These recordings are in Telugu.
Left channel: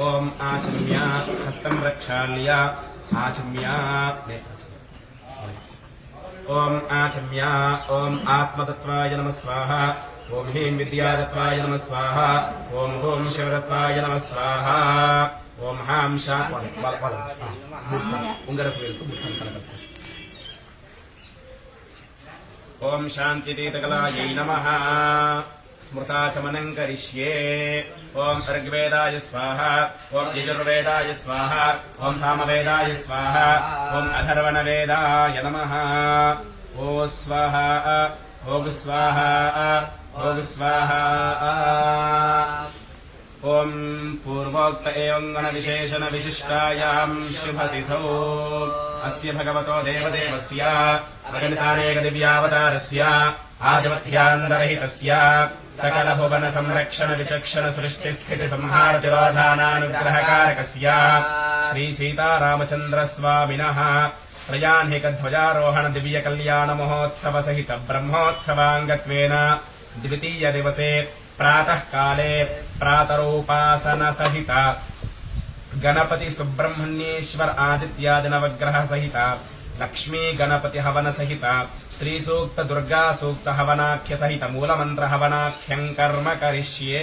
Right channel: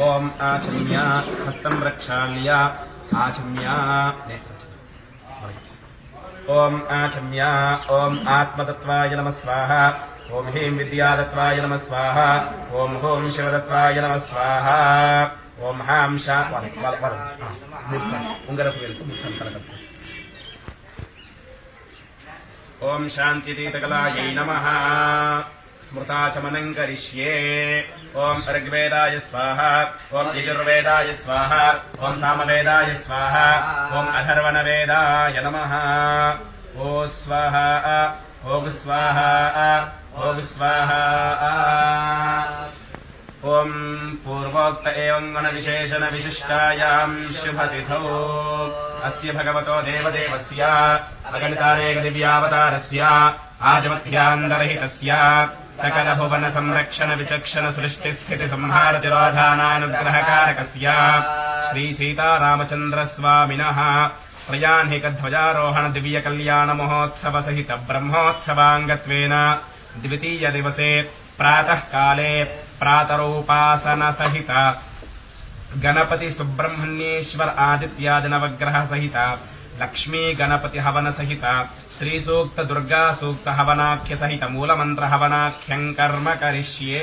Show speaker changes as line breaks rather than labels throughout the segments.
ఓం ఆచమ్య హస్తం ప్రక్షాళ్య ఆచమ్య ఓం ఆచమ్య ఓం ఆత్మతత్వాయ నమ స్వాహ ఓం హ్రీం విద్యాదత్వాయ నమ స్వాహ ఓం హోం శివదత్వాయ నమ స్వాహ ఓం హాం శా వాళ్ళ- వాళ్ళ- వాళ్ళ- ఉంగరపు వేలుతో మూడు సార్లు ఓం శాంతితీతకలాయై నమ. స్మృతాచమనం కరిష్యే ఓం ఋగ్వేదాయ స్వాహ ఓం యజుర్వేదాయ స్వాహ ఓం సామవేదాయ స్వాహ ఓం అథర్వణవేదాయ నమ ఓ స్వాహ ఓం స్వాహ ఓం స్వాహ ఓం పూర్వోక్త ఏం గణవిశేషణ విశిష్టాయాం శుభతిథౌ అస్య భగవతో దేవదేవస్య అగణితానేక దివ్యావతారస్య ఆదిమధ్యాంతరహితస్య సకల భువన సంరక్షణ విచక్షణ సృష్టి స్థితి సంహార తిరోధానానుగ్రహకారకస్య శ్రీ సీతారామచంద్ర స్వామినః త్రయాన్హిక ధ్వజారోహణ దివ్య కళ్యాణ లక్ష్మీ గణపతి హవన సహిత శ్రీ సూక్త దుర్గా సూక్త హవనాఖ్య సహిత మూలమంత్ర హవనాఖ్యం కర్మ కరిష్యే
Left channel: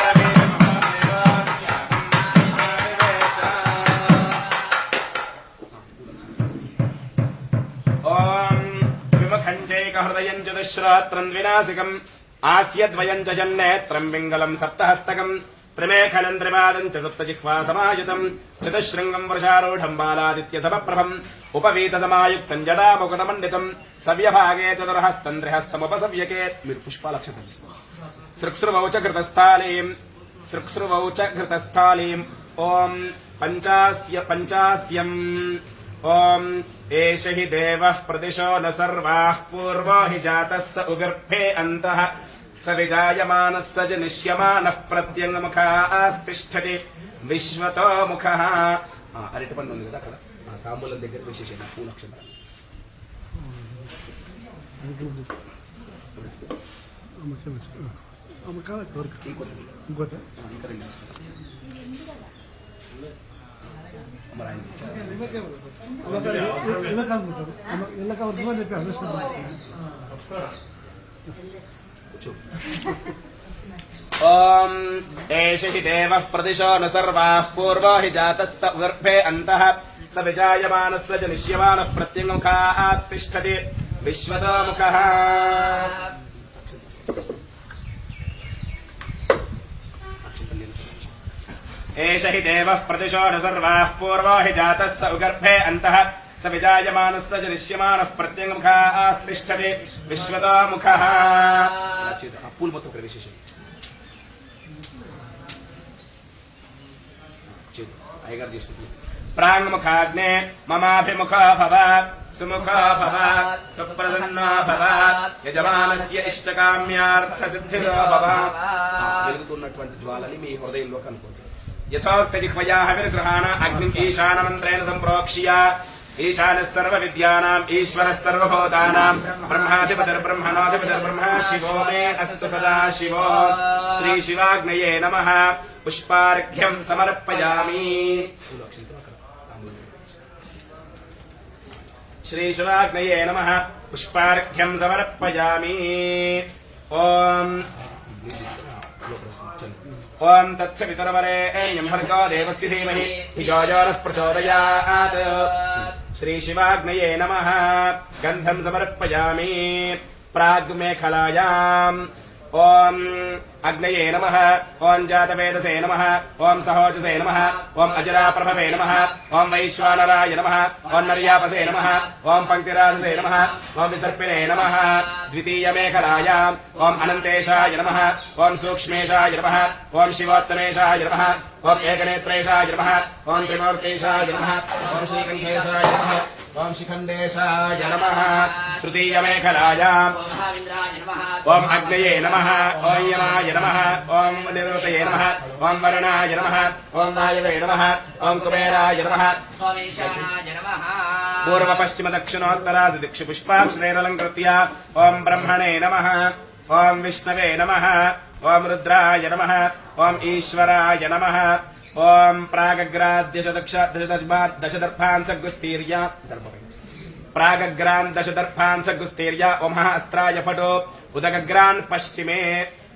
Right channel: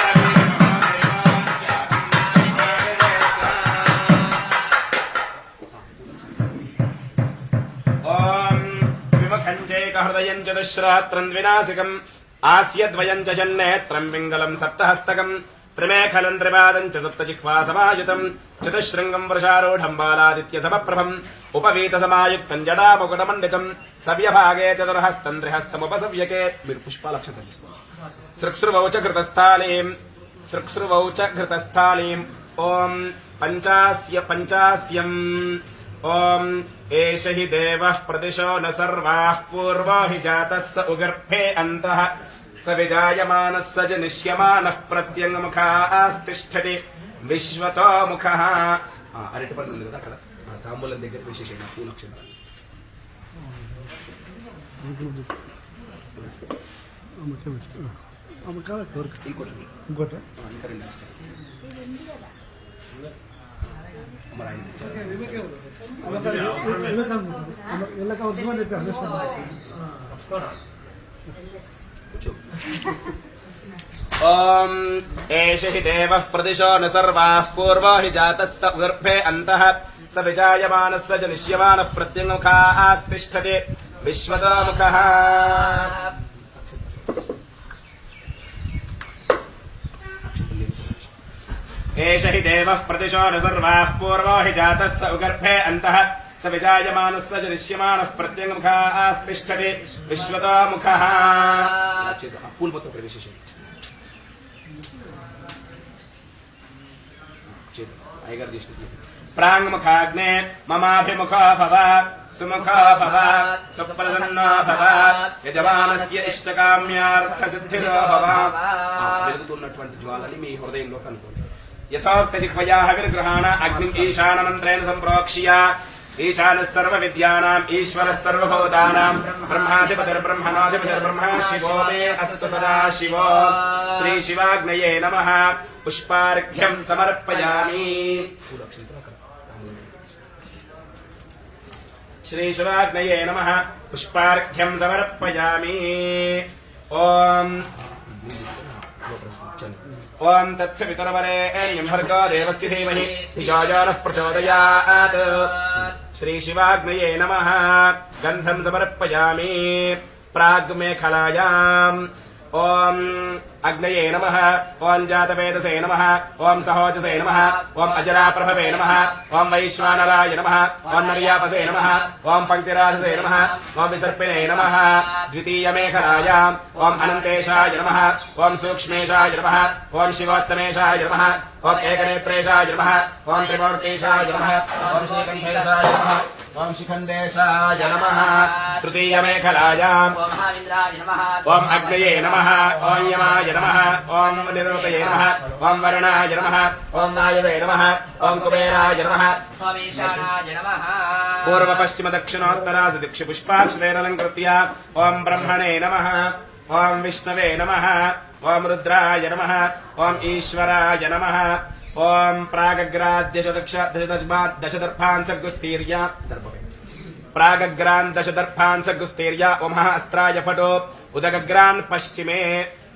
హృదయం చతుశ్రాత్రం వినాశికం. ఆస్యద్వయం చ జన్నేత్రం పింగళం సప్తహస్తకం. త్రిమేఖలం త్రిపాదం చ సప్తజిహ్వా సమాయుతం. చతుశృంగం వృషారూఢం బాలాదిత్య సమప్రభం ఉపవీత సమాయుక్తం జడాముకుటమండితం. సవ్యభాగే చతుర్హస్తం త్రిహస్తముపసవ్యకే. మీరు పుష్పాలక్షతం సృక్సృవౌ చ ఘృతస్థాళీం. సృక్సృవౌ చ ఘృతస్థాళీం. ఓం పంచాస్య పంచాస్యం. ఓం ఏష హి దేవః ప్రదిశో న సర్వాः పూర్వో హి జాతः స ఉగర్భే అంతః స విజాయమానः స జనిష్యమానः ప్రత్యంగముఖాస్తిష్టతి విశ్వతో ముఖः ఆ, అరటిపండు ఉంది కదా అక్కడ తాంబూలం దగ్గర విశేషంగా పూలక్షణ ఇంకోటి ఓం ఏష హి దేవ ప్రదిశో న సర్వా పూర్వ హి జాత స ఉదర్భే అంతః స విజాయమాన స జనిష్యమాన జనిష్యమానः ప్రత్యంగుఖాస్తిష్టతి విశ్వతో ముఖः एष हि देवः प्रतिशो न सर्वाः पूर्वो हि जातः स उगर्भे अन्तः स विजायमानः स जनिष्यमानः प्रत्यङ्मुखः आस्तिष्ठति विश्वतो मुखः पूलमत्तो प्रवेशेषे అయ్యగారు చేసినట్లు ప్రాంగముఖాగ్నే మమాభిముఖో భవ సుముఖో భవ సుప్రసన్నో భవ యజమానస్య ఇష్టకామ్యార్థ సిద్ధిరో భవ వెలుగుతున్నటువంటి జ్వాలని మీ హృదయంలో కనుకోండి यथोक्तजिह्वया हविर्गृहाण अग्निम् ईशानमन्त्रेण ईशानः सर्वविद्यानाम्, ईश्वरः ब्रह्माधिपतिर्ब्रह्मणाधिपतिर्ब्रह्म शिवो मे अस्तु सदा शिवो। श्रीशिवाग्नये नमः। पुष्पार्घ्यम् समर्पयामि। श्रीशिवाग्नये नमः। पुष्पार्घ्यम् समर्पयामि। ॐ तत्सवितुरवरेण्यम् भर्गो देवस्य धीमहि। धियो नः प्रचोदयात्। श्रीशिवाग्नये नमः। गन्धम् समर्पयामि। प्राग्मेखलायाम् अग्नये नमः ॐ जातवेदसे नमः ॐ सहोजसे नमः ॐ अजराप्रभवे नमः ॐ वैश्वानराय नमः ॐ नर्यापसे नमः ॐ पंक्तिराजसे नमः ॐ विसर्पिणे नमः द्वितीयमेखलायाम् ॐ अनन्तेशाय नमः ॐ सूक्ष्मेशाय नमः ॐ शिवोत्तमेशाय नमः ॐ एकनेत्रेशाय नमः ॐ त्रिमूर्तेशाय नमः ॐ श्रीकण्ठेशाय नमः शिखण्डेशाय नमः तृतीयमेखलायाम्
ॐ महाविन्द्राय
अग्नये नमः ॐ यमाय नमः ॐ निरुतये नमः ॐ वरुणाय नमः ॐ वायवे नमः ॐ कुबेराय नमः
ॐ ईशानाय नमः
पूर्वपश्चिमदक्षिणोत्तरासु दिक्षु पुष्पाक्षरेरलङ्कृत्य ॐ ब्रह्मणे नमः ॐ विष्णवे नमः ॐ रुद्राय नमः ॐ ईश्वराय नमः ॐ प्रागग्राद्यशदक्ष दशदर्भान् सग्गुस्तीर्य प्रागग्रान् दशदर्भान् सग्गुस्तीर्य उमः अस्त्राय फटो उदगग्रान् पश्चिमे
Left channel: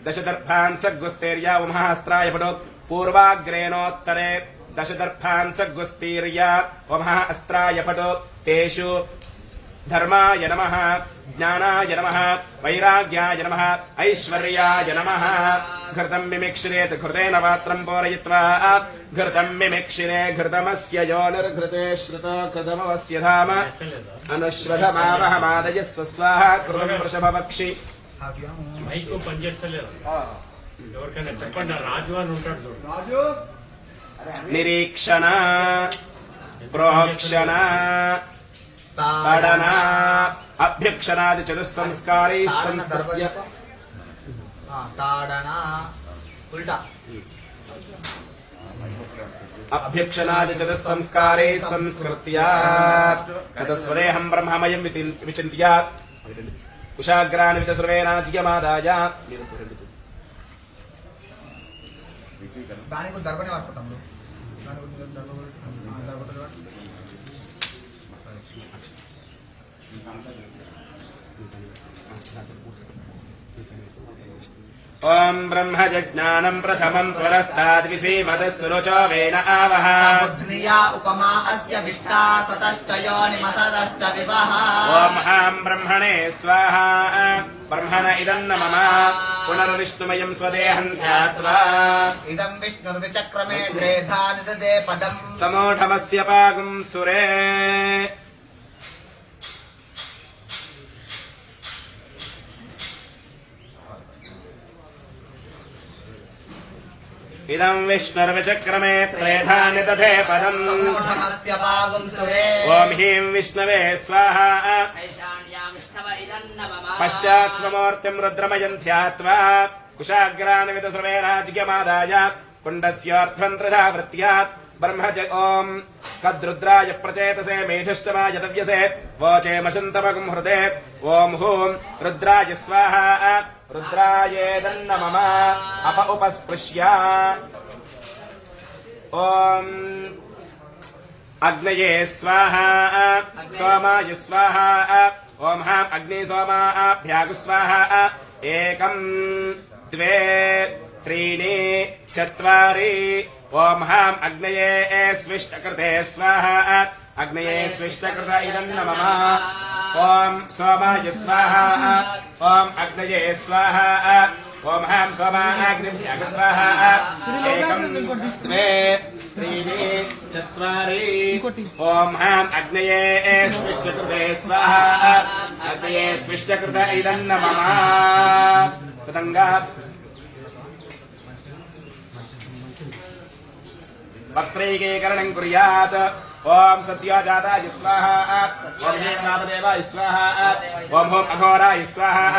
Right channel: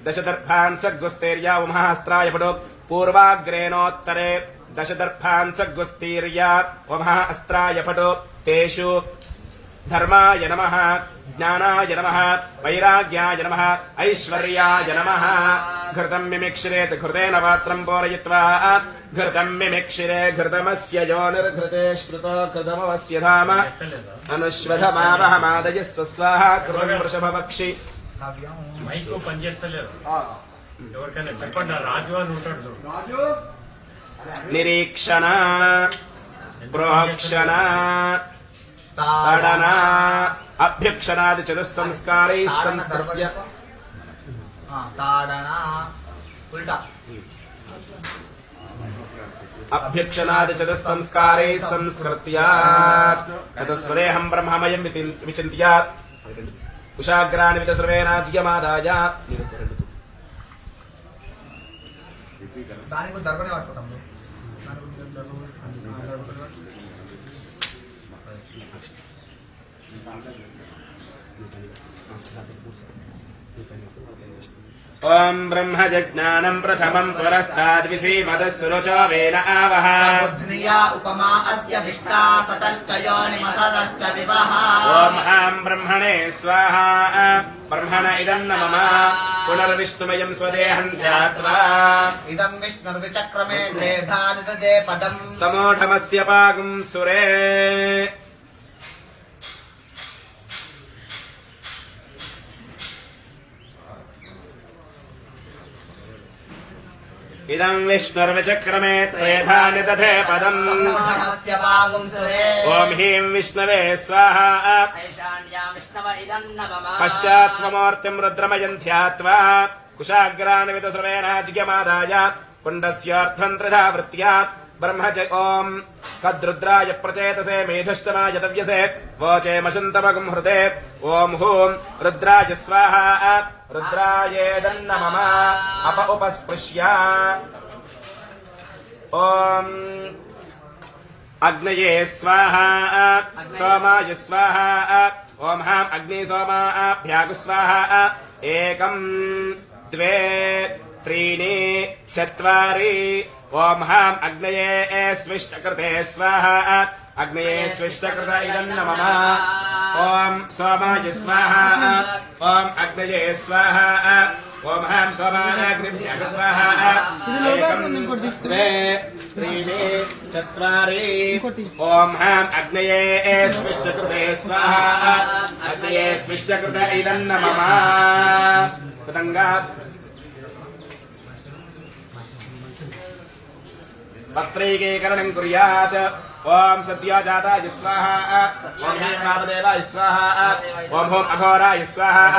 दशदर्भान् सग्गुस्तीर्य उमः अस्त्राय फटो पूर्वाग्रेणोत्तरे दशदर्भान् सग्गुस्तीर्य उमः अस्त्राय फटो तेषु धर्माय नमः ज्ञानाय नमः वैराग्याय नमः ऐश्वर्याय नमः घृतम् मिमिक्षिरेत् घृतेन पात्रम् पूरयित्वा घृतम् मिमिक्षिरे घृतमस्य योनिर्घृते श्रुतो कृतमवस्य धाम अनुश्वधमावहमादय स्वस्वाहा कृतम् वृषभवक्षि
మైక్ పనిచేస్తలేదు ఎవరికైనా చెప్పండి రాజు అని ఉంటాడు.
నిరీక్షణ ప్రోక్షణ తడన అభ్యక్షణాది చతుస్సంస్కారై సంస్కృత్య.
తాడన ఉల్టా.
అభ్యక్షణాది చతుస్సంస్కారే సంస్కృత్య. యతస్వదేహం బ్రహ్మమయం వితి- విచింత్య కుశాగ్రాని వితస్రవేనాజ్యమాదాయ
దానికి కూడా దర్బనే పట్టుకుంటాం బ్రో. కూడా దర్బ- దర్బ- దర్బ-
ఓం బ్రహ్మజ్ఞానం ప్రథమం పురస్తాద్విసీమదస్సురుచోవేన ఆవహ
సబుద్ధ్నియా ఉపమా అస్య విష్టా సతశ్చ యోనిమసదశ్చ వివహ
ఓం హాం బ్రహ్మణే స్వాహ బ్రహ్మణ ఇదన్న మమ పునర్విష్ణుమయం స్వదేహం ధ్యాత్వా
ఇదం విష్ణుర్విచక్రమే త్రేధా నిదదే పదం
ఇదం విష్ణుర్విచక్రమే త్రేధా నిదధే పదం ఓం హ్రీం విష్ణవే స్వాహ పశ్చాత్ స్వమూర్తిం రుద్రమయంధ్యాత్వా కుశాగ్రాన్ విదశ్రవేణాజ్ఞమాదాయ కుండస్యోర్ధ్వంత్రిధా వృత్యా బ్రహ్మజ ఓం కద్రుద్రాయ ప్రచేతసే మేధుష్టమాయ తవ్యసే వోచేమశంతమగం హృదే ఓం హూం రుద్రాయ స్వాహ రుద్రాయేదన్న మమ అప ఉపస్పృశ్య ఓం అగ్నయే స్వాహ సోమాయ స్వాహ ఓం హాం అగ్ని సోమాభ్యాగు స్వాహ ఏకం ద్వే త్రీణి చత్వారి ఓం హాం అగ్నయే స్విష్టకృతే స్వాహ అగ్నయే స్విష్టకృత ఇదం మమ ఓం సోమాయ స్వాహ ఓం అగ్నయే స్వాహ. ఓం హాం సోమాగ్నిభ్యాగ స్వాహ. ఏకం ద్వే త్రీణి చత్వారి ఓం హాం అగ్నయే స్విష్టకృతే స్వాహ. అగ్నయే స్విష్టకృత ఇదం మమ తదంగా వక్రైకీకరణం కుర్యాత్. ఓం సత్యాజాతాయ స్వాహ ఓం హ్రీం వామదేవాయ స్వాహ ఓం హోం అఘోరాయ స్వాహ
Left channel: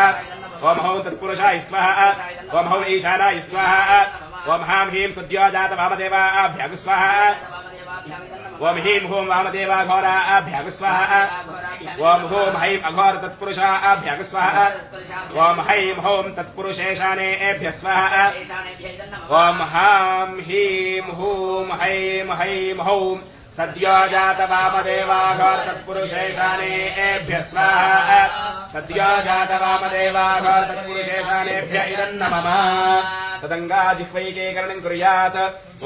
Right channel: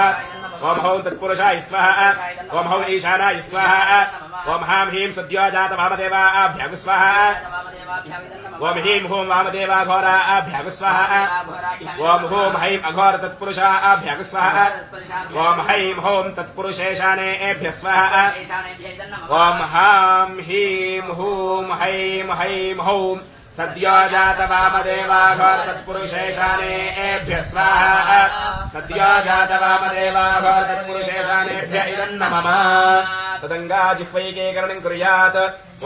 ఓం హౌం తత్పురుషాయ స్వాహ ఓం హౌం ఈశానాయ స్వాహ ఓం హాం హ్రీం సద్యోజాత వామదేవాభ్యాగు స్వాహ ఓం హ్రీం హోం వామదేవాఘోరాభ్యాగు స్వాహ ఓం హోం హైం అఘోర తత్పురుషాభ్యాగు స్వాహ ఓం హైం హోం తత్పురుషేశానేభ్య స్వాహ ఓం హాం హీం హూం హైం హైం హౌం सद्यो जात वामदेवाघो तत्पुरुषेशानेभ्य स्वाहा सद्यो जात वामदेवाघो तत्पुरुषेशानेभ्य इदन्न मम तदङ्गा जिह्वैके करणम् कुर्यात्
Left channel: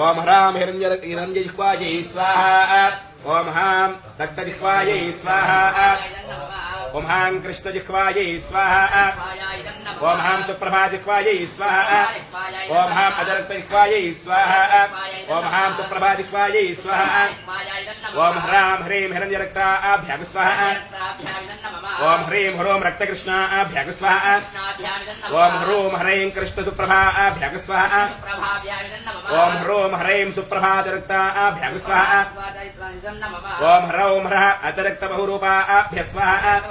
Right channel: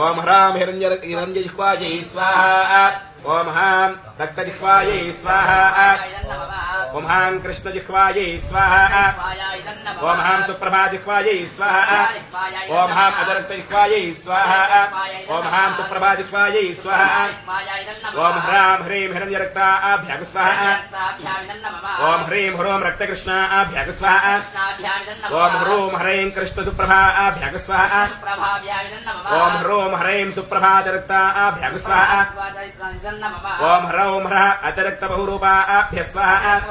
ॐ ह्रां हिरण्य हिरण्यजिह्वायै स्वाहा ॐ हां रक्तजिह्वायै स्वाहा ఓం హాం కృష్ణ జిహ్వాయై స్వాహ ఓం హాం సుప్రభా జిహ్వాయై స్వాహ ఓం హాం అజరక్త జిహ్వాయై స్వాహ ఓం హాం సుప్రభా జిహ్వాయై స్వాహ ఓం హ్రాం హ్రీం హిరణ్యరక్త ఆభ్యాగు స్వాహ ఓం హ్రీం హ్రోం రక్తకృష్ణ ఆభ్యాగు స్వాహ ఓం హ్రూం హ్రైం కృష్ణ సుప్రభా ఆభ్యాగు స్వాహ ఓం హ్రోం హ్రైం సుప్రభాతరక్త ఆభ్యాగు స్వాహ ఓం హ్రౌం హ్రహ అతరక్త బహురూపా ఆభ్య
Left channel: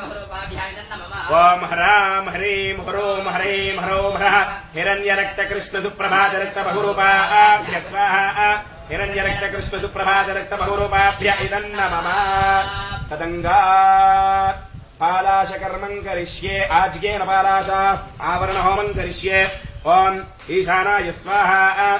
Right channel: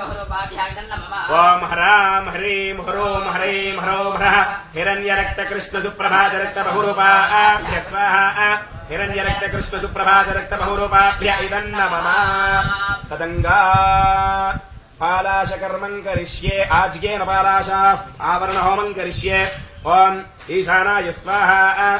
ओम हराम हरीम हरोम कृष्ण सुप्रभात रक्त हिरण्यरक्तकृष्णसुप्रभातरक्तबहुरूपाभ्य स्वाहा। हिरण्यरक्तकृष्णसुप्रभातरक्तबहुरूपाभ्य इदम् न मम तदङ्गा पालाश कर्मं करिष्ये आज्ञेन पालाशाः आवरण होमं करिष्ये। ओम ईशानाय स्वाहा।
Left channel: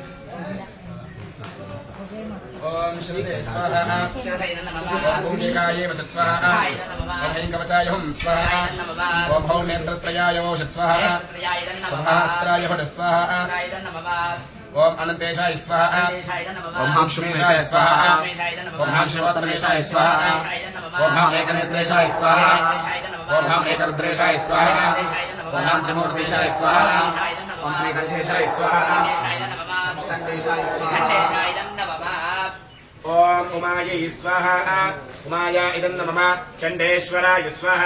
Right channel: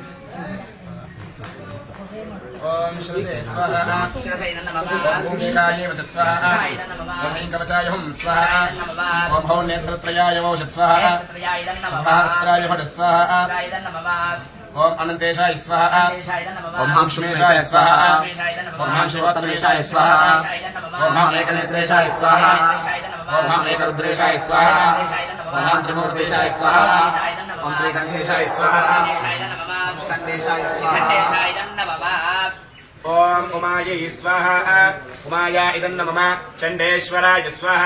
ॐ शिरसे स्वाहा ॐ भूषिकायै वसत् स्वाहा ॐ ऐं हुं स्वाहा ॐ भौ नेत्रत्रयाय वौषत् स्वाहा महास्त्राय भट स्वाहा ॐ अनन्तेशाय स्वाहा ॐ हाँ स्वाहा ॐ हाँ स्वाहा ॐ हाँ स्वाहा ॐ हाँ स्वाहा ॐ हाँ स्वाहा ॐ श्रीकण्ठेशाय स्वाहा ॐ उमायै स्वाहा ఓం ఉమాయ స్వాహ ఉమాయ ఇదం నమ చండేశ్వరాయ స్వాహ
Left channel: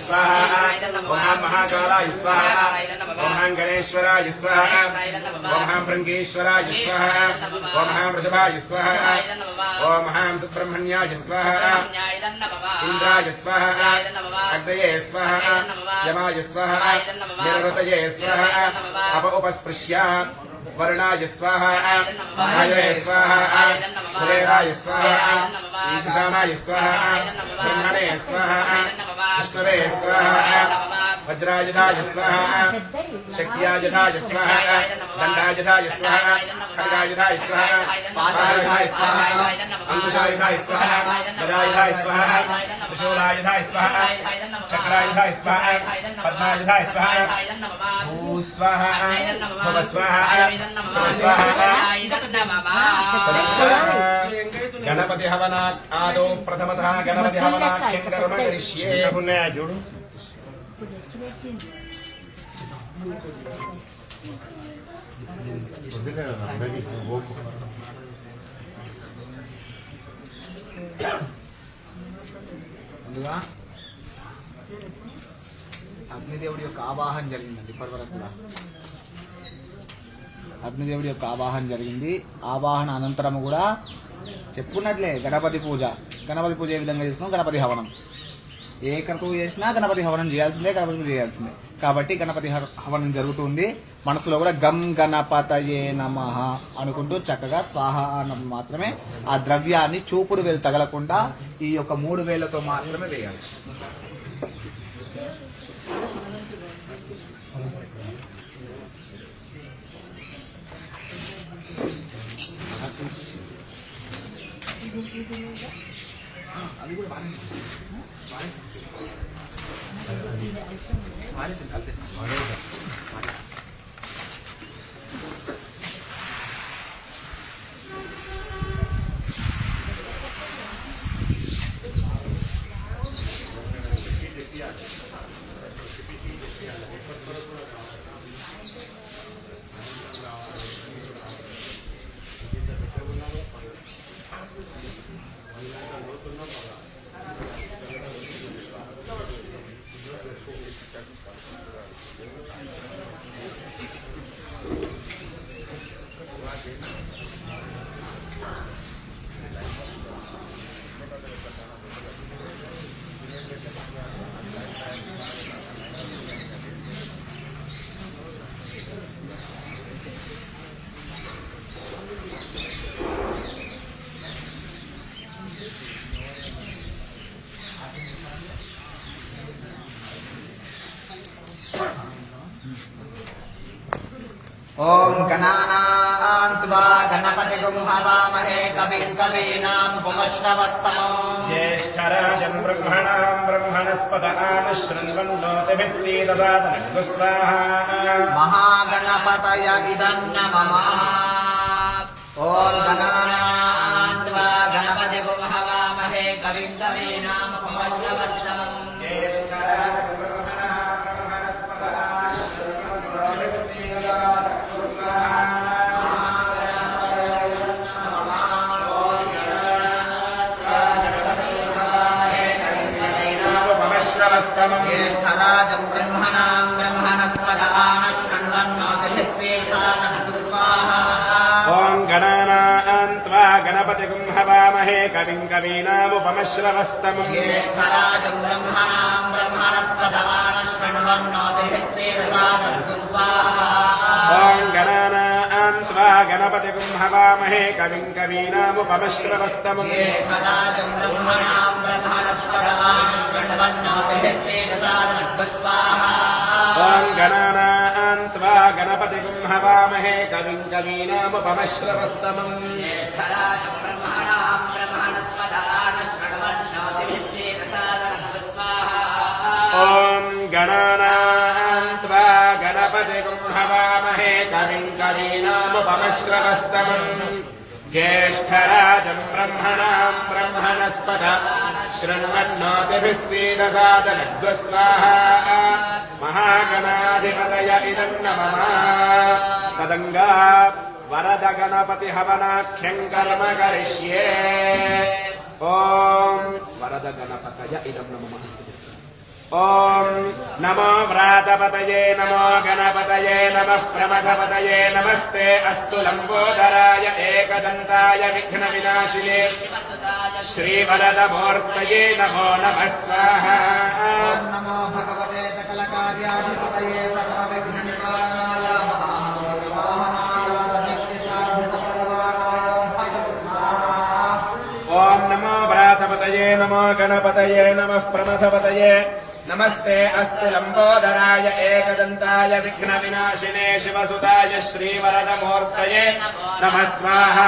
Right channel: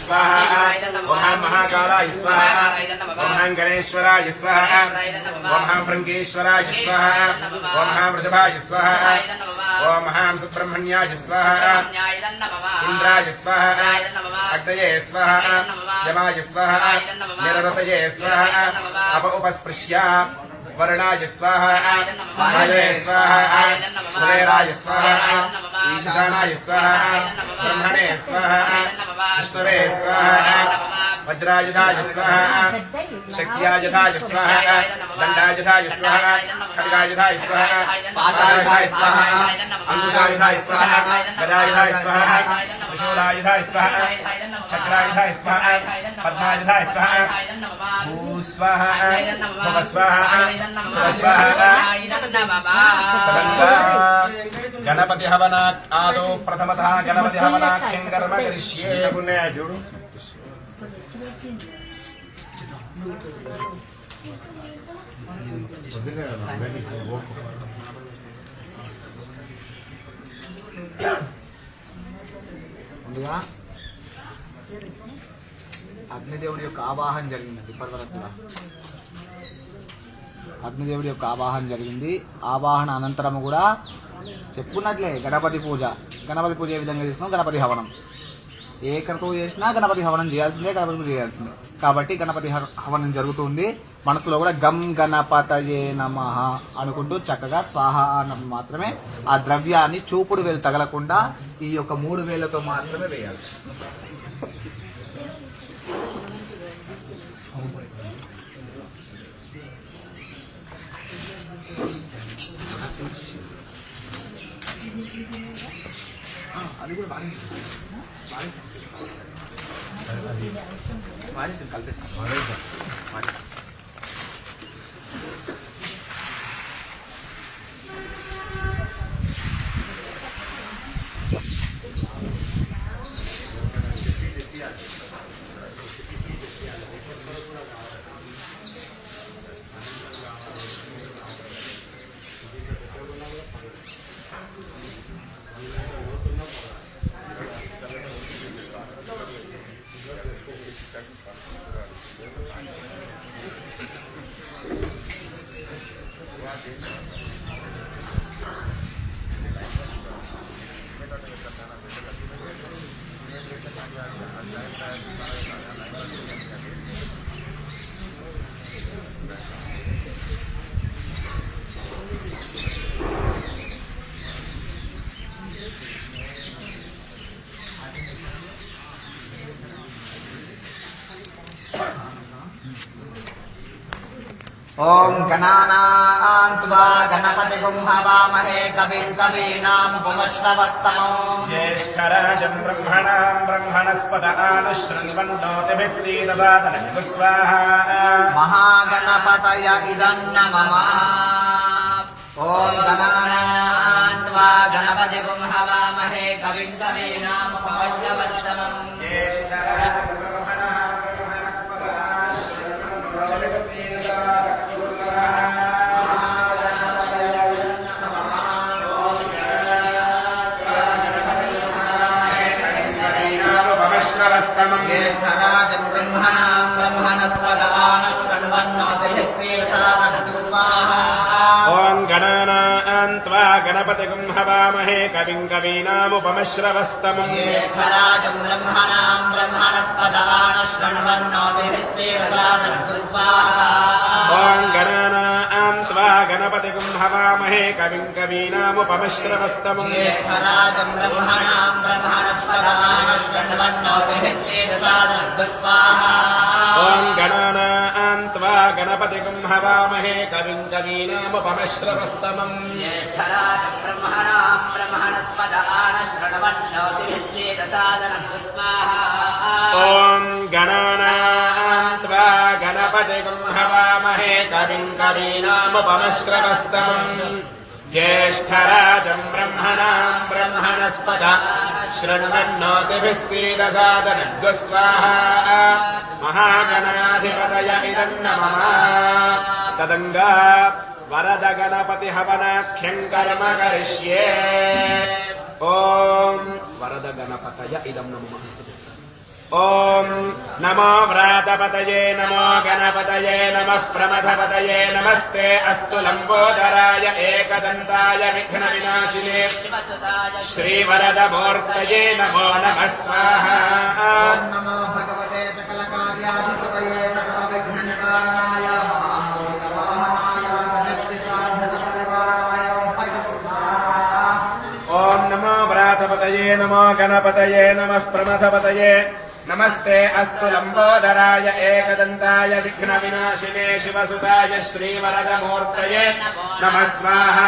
స్వాహ ఓం మహాకాలాయ స్వాహ ఓం గణేశ్వరాయ స్వాహ ఓం భృంగేశ్వరాయ స్వాహ ఓం వృషభాయ స్వాహ ఓం మహాం సుబ్రహ్మణ్యాయ స్వాహ ఇంద్రాయ స్వాహ అగ్నయే స్వాహ యమాయ స్వాహ నిరరతయే స్వాహ అప ఉపస్పృశ్య वर्णाय स्वाहा वायवे स्वाहा कुबेराय स्वाहा ईशानाय स्वाहा ब्रह्मणे स्वाहा विष्णवे स्वाहा వజ్రాయుధాయ స్మః శక్త్యాయుధాయ స్మః దండాయుధాయ స్మః ఖడ్గాయుధాయ స్మః పాశాయుధాయ స్మః అంకుశాయుధాయ స్మః గదాయుధాయ స్మః త్రిశూలాయుధాయ స్మః చక్రాయుధాయ స్మః పద్మాయుధాయ స్మః భూస్వః భవస్వః స్వస్వః గణపతి హవనాత్ ఆదో ప్రథమతః గణపతి హవనాఖ్యం కర్మ
కరిష్యే. చూడు?
ముందుగా అగ్నిదేవుడి యొక్క ఆవాహన జరిగిందండి ఇప్పటివరకుగా. అగ్నిదేవుడి యొక్క ఆవాహన జరిగింది. ఆవాహన అనంతరం కూడా చెప్పుకున్నట్లే గణపతి పూజ. గణపతి పూజ ఏ విధంగా చేసినాం? గణపతి హవనం. ఏ క్రతువు చేసినా గణపతి హవనం చేయాల్సిందే గణపతి చేయాల్సిందే. కాబట్టి గణపతి హ- హవనం జరుగుతుంది. మనసులో కూడా గం గణపతయే నమ అనుకుంటూ చక్కగా స్వాహ అన్నప్పుడు మాత్రమే ఆ ద్రవ్యాన్ని చూపుడు వేలు తగలకుండా ఈ యొక్క మూడు వేలతో మాత్రమే వేయాలి. 말해서 잘 됐습니다. 말해서. 말해서.
ॐ गणानान्त्वा गणपतिगुं हवामहे कविं कवीनामुपमश्रवस्तमो
ज्येष्ठराजम् ब्रह्मणाम् ब्रह्मणस्पद आनुशृण्वन्नोतिभिः सीदसादनम् स्वाहा
महागणपतय इदम् न मम ॐ गणानान्त्वा गणपतिगुं हवामहे कविं कवीनामुपमश्रवस्तमम्
ज्येष्ठराजम्
ज्येष्ठराजम् ब्रह्मणाम् ब्रह्मणस्पदान शृण्वन्नोतिभिः स्वाहा
ॐ गणानाम् त्वा गणपतिगुम् हवामहे कविम् कवीनामुपमश्रवस्तमम्
ज्येष्ठराजम् ब्रह्मणाम् ब्रह्मणस्पदान शृण्वन्नोतिभिः स्वाहा
ॐ गणानाम् त्वा गणपतिगुम् हवामहे कविम् कवीनामुपमश्रवस्तमम्
ज्येष्ठराजम् ब्रह्मणाम् ब्रह्मणस्पदान शृण्वन्नोतिभिः स्वाहा
ॐ गणानाम् त्वा गणपतिगुम् हवामहे कविम् कवीनामुपमश्रवस्तमम्
ज्येष्ठराजम् ब्रह्मणाम् ब्रह्मणस्पदान शृण्वन्नोतिभिः स्वाहा
ॐ गणानाम् कविम् कवीनामुपमश्रवस्तमम् ज्येष्ठराजम् ब्रह्मणाम् ब्रह्मणस्पद शृण्वन्नोतिभिः सीदसादनद्वस्वाहा महागणाधिपतय इदम् न मम तदङ्गा वरद गणपति हवनाख्यम् कर्म करिष्ये ॐ वरद गणपतय इदम् न मम ॐ नमो व्रातपतये नमो गणपतये नमः प्रमथपतये नमस्ते अस्तु लम्बोदराय एकदन्ताय विघ्नविनाशिने श्रीवरदमूर्तये नमो नमः स्वाहा
नमो भगवते सकलकार्याधिपतये सर्वविघ्ननिवारणाय महामोदवाहनाय सनिष्ठिसाधुसर्वाय
ॐ नमो व्रातपतये नमो गणपतये नमः प्रमथपतये नमस्ते अस्तु लम्बोदराय एकदन्ताय विघ्नविनाशिने शिवसुताय श्रीवरदमूर्तये नमः स्वाहा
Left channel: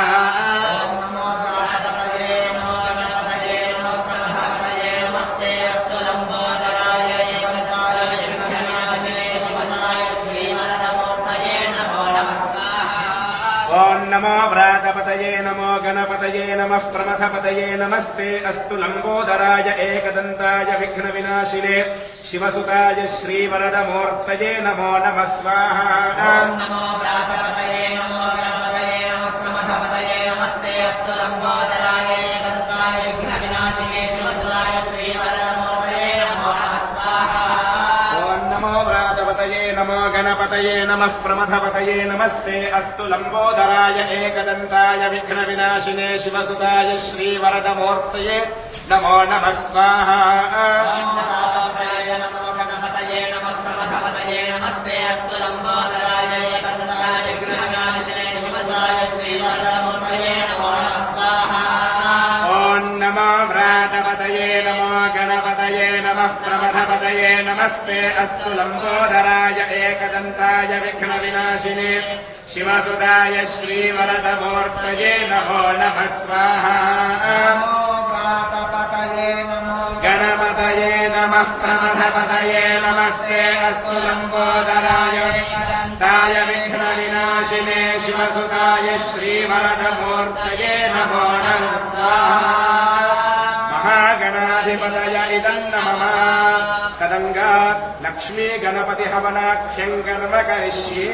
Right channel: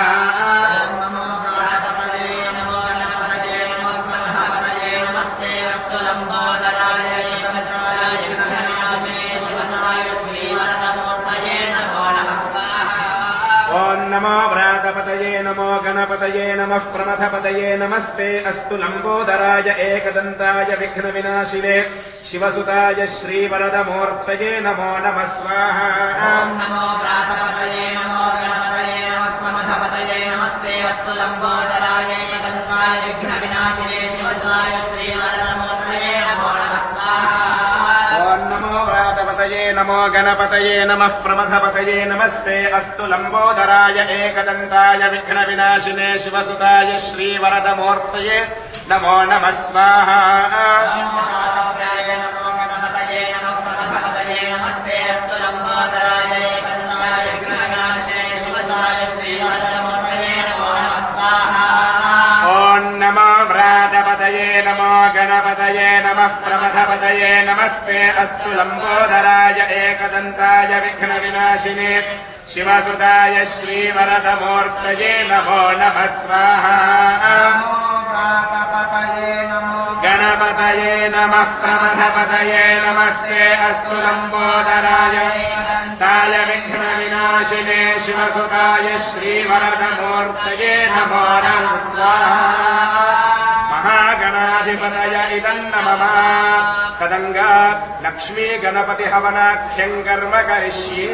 नमो गणपतये नमो गणपतये नमो प्रमथपतये नमस्ते अस्तु लम्बोदराय एकदन्ताय विघ्नविनाशिने शिवसाय श्रीवरदमूर्तये नमो नमः स्वाहा
ॐ नमो व्रातपतये नमो गणपतये नमः प्रमथपतये नमस्ते अस्तु लम्बोदराय एकदन्ताय विघ्नविनाशिने शिवसुताय श्रीवरदमूर्तये नमो नमः स्वाहा
गणपतये नमः प्रमथपतये नमस्ते अस्तु लम्बोदराय एकदन्ताय विघ्नविनाशिने
शिवसुताय श्रीवरदमूर्तये नमो नमः स्वाहा।
नमस्ते अस्तु लम्बोदराय एकदन्ताय विघ्नविनाशिने
शिवसुताय श्रीवरदमूर्तये नमो नमः स्वाहा
गणपतये नमो
गणपतये नमः प्रमथपतये नमस्ते अस्तु लम्बोदराय ताय विघ्नविनाशिने शिवसुताय श्रीवरदमूर्तये नमो नमः स्वाहा महागणाधिपतय इदम् नमः तदङ्गा लक्ष्मी गणपति हवनाख्यम् कर्म करिष्ये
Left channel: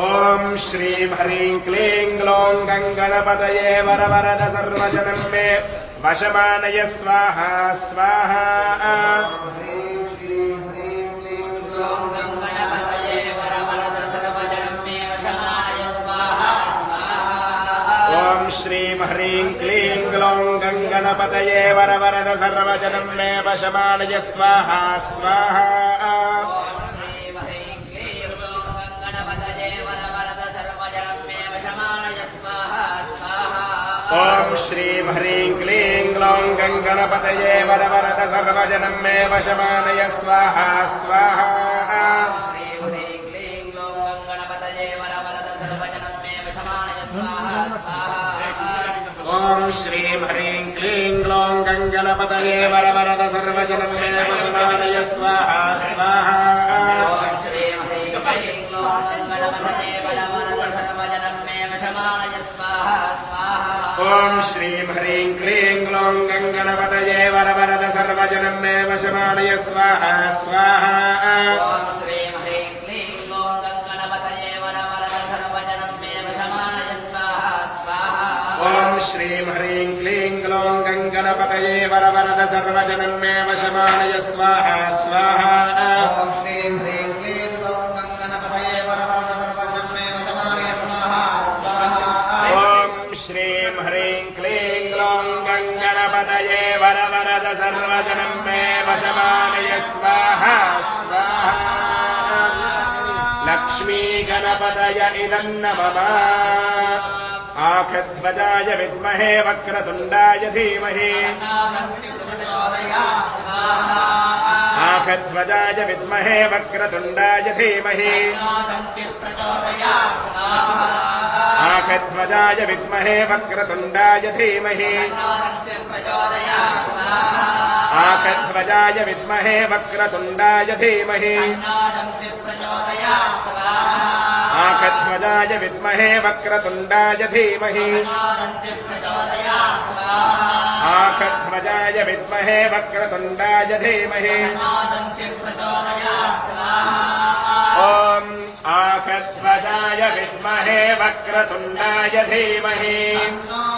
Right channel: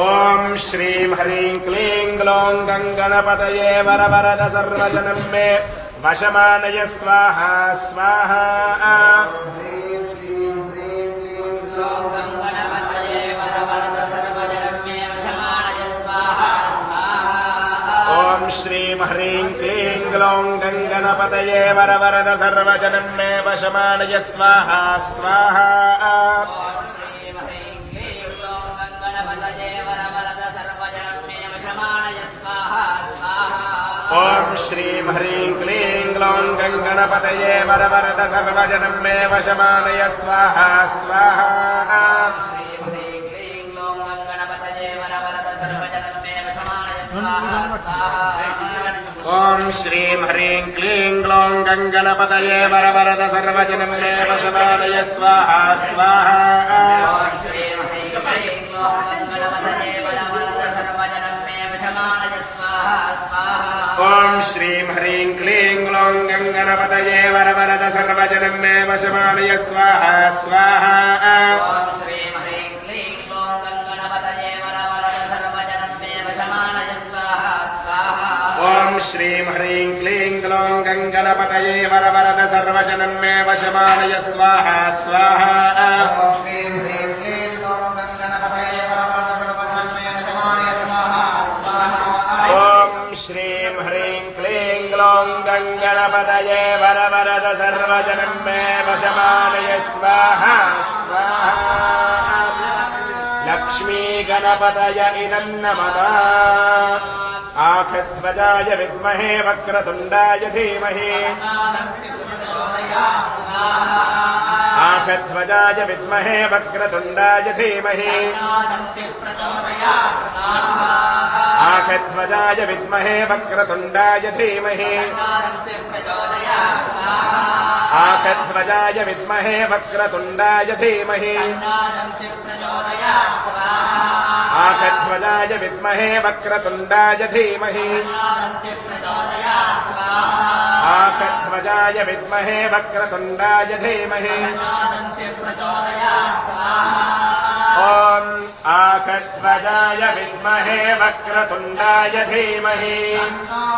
ॐ श्रीं ह्रीं क्लीं ग्लौं गङ्गणपतये वरवरद सर्वजनं मे वशमानय स्वाहा स्वाहा
श्रीं ह्रीं क्लीं ग्लौं
गङ्गणपतये वरवरद सर्वजनं मे वशमानय स्वाहा स्वाहा।
ॐ श्रीं ह्रीं क्लीं ग्लौं गणपतये वरवरद सर्वजनं मे वशमानय स्वाहा स्वाहा।
ॐ श्रीं ह्रीं क्लीं ग्लौं गङ्गणपतये वरवरद सर्वजनं मे वशमानय स्वाहा स्वाहा। ॐ श्रीं ह्रीं क्लीं ग्लौं गङ्गणपतये वरवरद सर्वजनं मे वशमानय स्वाहा स्वाहा
ॐ श्रीं ह्रीं क्लीं ग्लौं गणपतये वरवरद सर्वजनं मे वशमानय स्वाहा स्वाहा
ॐ श्रीं ह्रीं क्लीं ग्लौं गङ्गणपतये वरवरद सर्वजनं मे वशमानय स्वाहा स्वाहा
श्रीं ह्रीं क्लीं ग्लौं
गङ्गणपतये वरवरद सर्वजनं मे वशमानय स्वाहा स्वाहा
ॐ श्रीं ह्रीं क्लीं ग्लौं गणपतये परमं सर्वजनं मे वशमानय स्वाहा स्वाहा
ॐ श्रीं ह्रीं क्लीं ग्लौं गङ्गणपतये वरवरद सर्वजनं मे वशमानय स्वाहा स्वाहा लक्ष्मी गणपतय इदं नमः आखध्वजाय विद्महे वक्रतुण्डाय धीमहि आखध्वजाय विद्महे वक्रतुण्डाय धीमहि आखध्वजाय विद्महे वक्रतुण्डाय धीमहि आखध्वजाय विद्महे वक्रतुण्डाय धीमहि आखध्वजाय विद्महे वक्रतुण्डाय धीमहि आखध्वजाय विद्महे वक्रतुण्डाय धीमहि ॐ आखध्वजाय विद्महे वक्रतुण्डाय धीमहि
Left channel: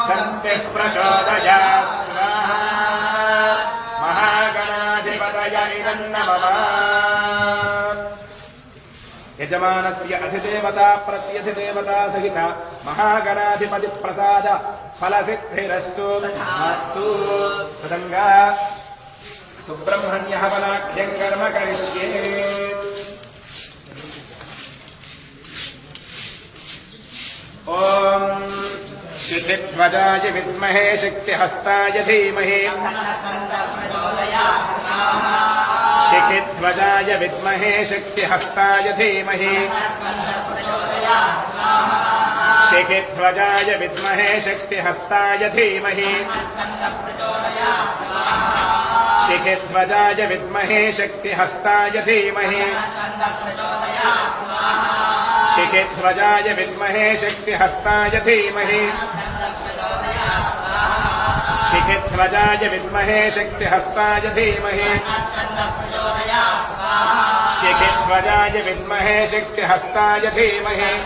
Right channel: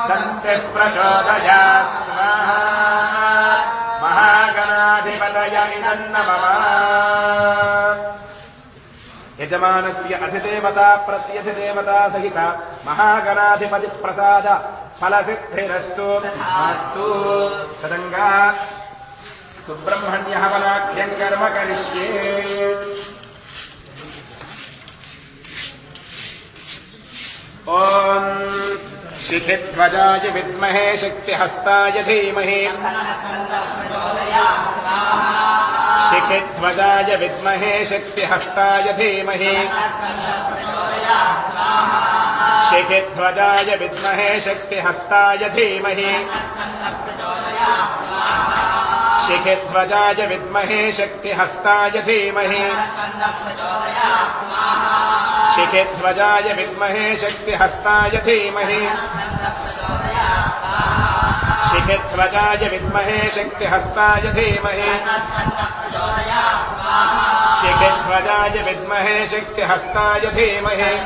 दन्तिः प्रचोदयात् स्वाहा महागणाधिपतयनिदन्नमः यजमानस्य अधिदेवता प्रत्यधिदेवता सहित महागणाधिपतिप्रसाद फलसिद्धिरस्तु अस्तु तदङ्गा सुब्रह्मण्यः बलाख्यम् कर्म करिष्ये ॐ शिखिध्वजाय विद्महे शक्तिहस्ताय धीमहि शिखिध्वजाय विद्महे शक्तिहस्ताय धीमहि शिखिध्वजाय विद्महे शक्तिहस्ताय धीमहि शिखिध्वजाय विद्महे शक्तिहस्ताय धीमहि शिखिध्वजाय विद्महे शक्तिहस्ताय धीमहि। शिखिध्वजाय विद्महे शक्तिहस्ताय धीमहि। शिखिध्वजाय विद्महे शक्तिहस्ताय धीमहि।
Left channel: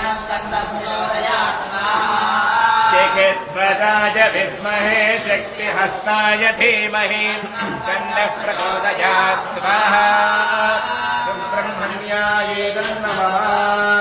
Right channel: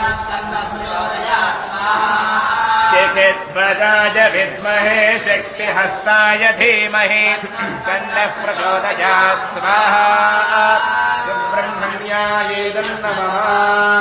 शिखिध्वजाय विद्महे शक्तिहस्ताय धीमहि। कन्यः प्रचोदयात् स्वाहा। सुब्रह्मण्याय नमः।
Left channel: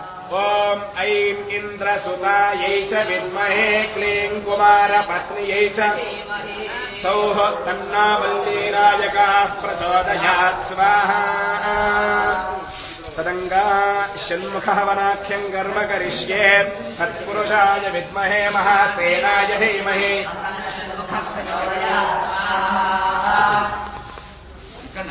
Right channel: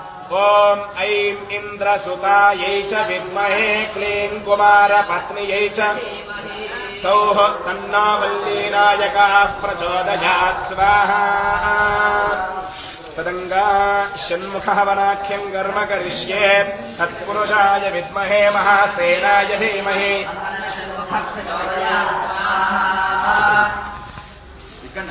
ॐ ऐं इन्द्र इन्द्रसुतायै च विद्महे क्लीं कुमारपत्न्यै च धीमहि सौः तन्नो वल्लीनायकाः प्रचोदयात् स्वाहा ॐ ऐं इन्द्रसुतायै च विद्महे क्लीं कुमारपत्न्यै च सौः तन्ना वल्लीनायकाः प्रचोदयात् स्वाहा तदङ्गा षण्मुखः वनाख्यम् कर्म करिष्ये तत्पुरुषाय विद्महे महासेनाय धीमहि
ఇక్కడ